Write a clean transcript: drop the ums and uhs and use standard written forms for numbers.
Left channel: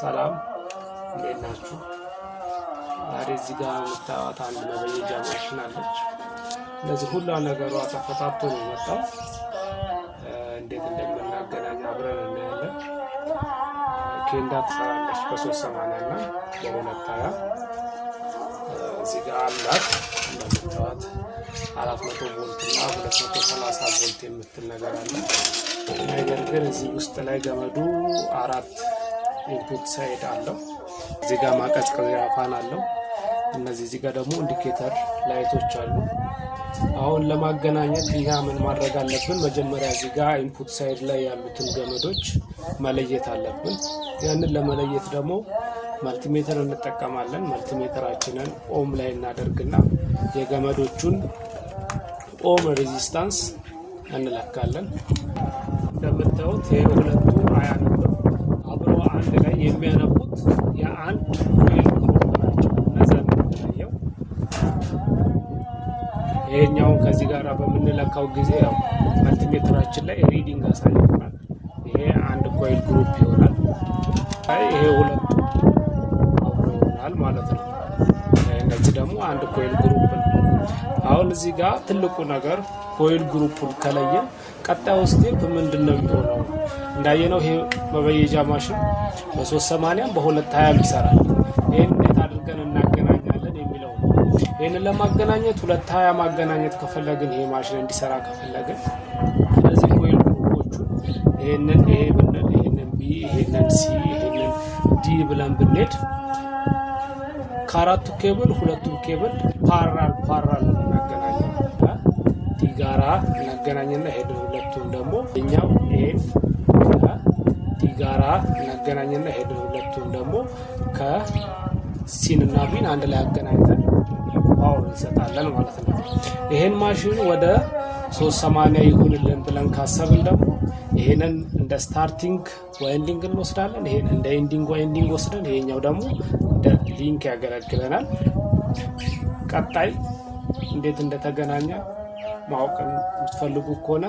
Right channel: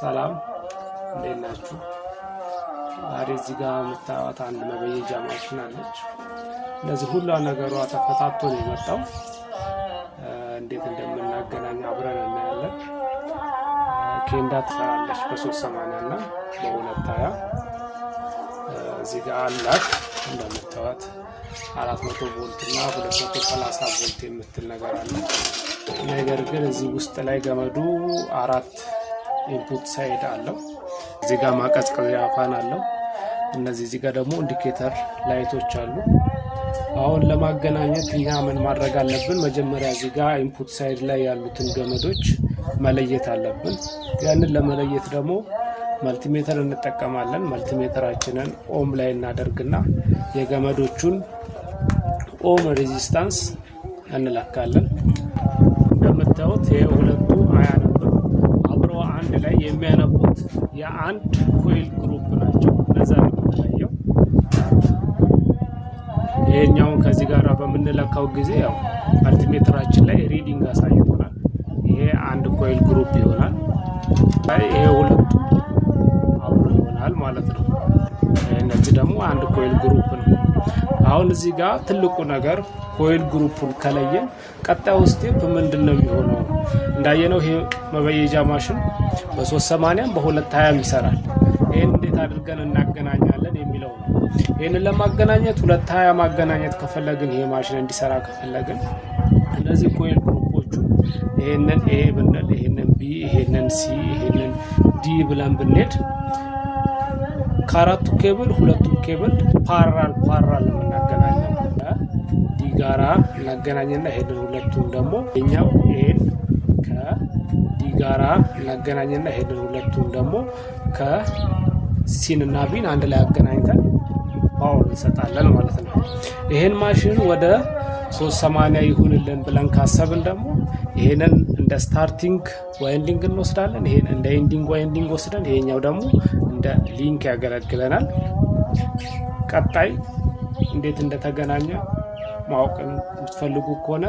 ሰላም እንዴት ናችሁ? ዛሬ እዚህ ጋር የምታዩት አንድ መበየጃ ማሽን አለች። እነዚህ ሁሉ ነገሯ ተፈታቶ ነው የመጣው። እንዴት እንደምናገናኝ አብረን እናያለን። ኬንዳ ትሰራለች በ380 እና በ220 እዚህ ጋር አላት። እንደምታዩት 400 ቮልት እና 230 ቮልት የምትል ነገር አለ። ነገር ግን እዚህ ውስጥ ላይ ገመዱ 4 ኢንፑት ሳይድ አለው። እዚህ ጋር ማቀዝቀዣ ፋን አለው። እዚህ ጋር ደግሞ ኢንዲኬተር ላይቶች አሉ። አሁን ለማገናኘት እኛ ምን ማድረግ አለብን? መጀመሪያ እዚህ ጋር ኢንፑት ሳይድ ላይ ያሉትን ገመዶች መለየት አለብን። ያንን ለመለየት ደግሞ መልቲሜተር እንጠቀማለን። መልቲሜተራችንን ኦም ላይ እናደርግና የገመዶቹን ኦም ሬዚስታንስ እንለካለን። እንደምታዩት የሁለቱ አያነብም። አብሮ አንድ ላይ የሚያነቡት የአንድ ኮይል ግሩፕ ናቸው። ለዛ ነው የምንለየው። ይሄኛውን ከዚህ ጋር በምንለካው ጊዜ ያው መልቲሜተራችን ላይ ሪዲንግ አሳይቶናል። ይሄ አንድ ኮይል ግሩፕ ይሆናል። ይሄ ሁለቱ አብሮ ይሆናል ማለት ነው። እነዚህ ደግሞ አንድ ኮይል ግሩፕ ነው። አሁን እዚህ ጋር ትልቁ ነገር ኮይል ግሩፑን ከለየን ቀጣዩ ስቴፕ ምንድነው የሚሆነው? እንዳየነው ይሄ መበየጃ ማሽን በ380 በ220 ይሰራል። ይሄን እንዴት አድርገን እናገናኛለን የሚለው ነው። ይሄንን ለማገናኘት 220 ማገናኘት ከፈለግን ይሄ ማሽን እንዲሰራ ከፈለግን እነዚህ ኮይል ግሩፖቹን ይሄንን ኤ ብንል፣ ይሄንን ቢ፣ ይሄንን ሲ፣ ይሄንን ዲ ብለን ብንሄድ ከአራቱ ኬብል ሁለቱን ኬብል ፓራል ለማገናኘት ዲ ጋራ እናገናኝና ይሄንን ሁለቱን ደግሞ እኛው ኤን ከዲ ጋራ እናገናኝና ይሄንን ሁለቱን ደግሞ ከሲን እና ቢን አንድ ላይ አገናኝተን ፓወር እንሰጣለን ማለት ነው። ይሄን ማሽን ወደ 380 ይሁንልን ብለን ካሰብን ደግሞ ይሄንን እንደ ስታርቲንግ ዋይንዲንግ እንወስዳለን። ይሄን እንደ ኤንዲንግ ዋይንዲንግ ወስደን ይሄኛው ደግሞ እንደ ሊንክ ያገለግለናል። ቀጣይ እንዴት እንደተገናኘ ማወቅ የምትፈልጉ ከሆነ